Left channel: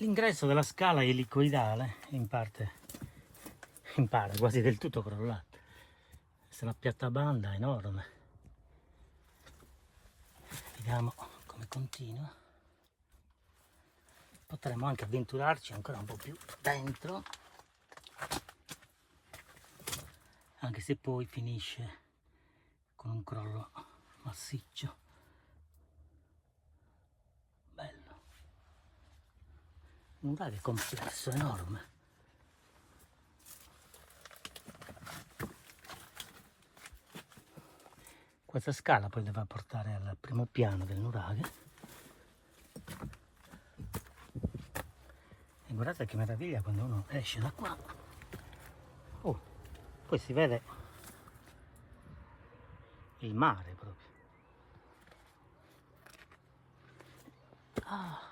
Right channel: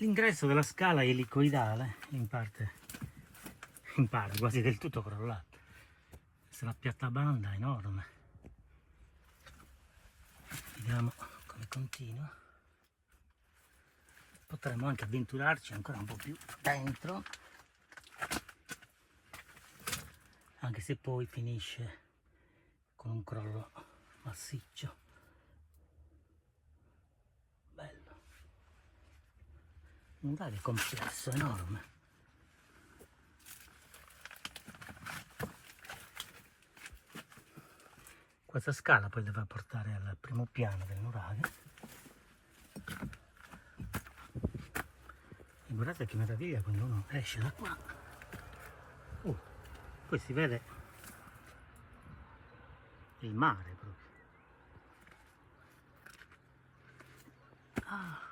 L'ingresso della scala elicoidale in parte quasi del tutto crollato. Questa è una piattabanda enorme. Vediamo come continua. Potremmo anche avventurarci ancora un po' più dentro, anche se poi finisce con un crollo massiccio. Bello. Un vero complesso enorme. Questa scala poi deve portare al primo piano del nuraghe. E guardate che meraviglia quando uno esce da qua. Oh, poi si vede il mare proprio. Ah.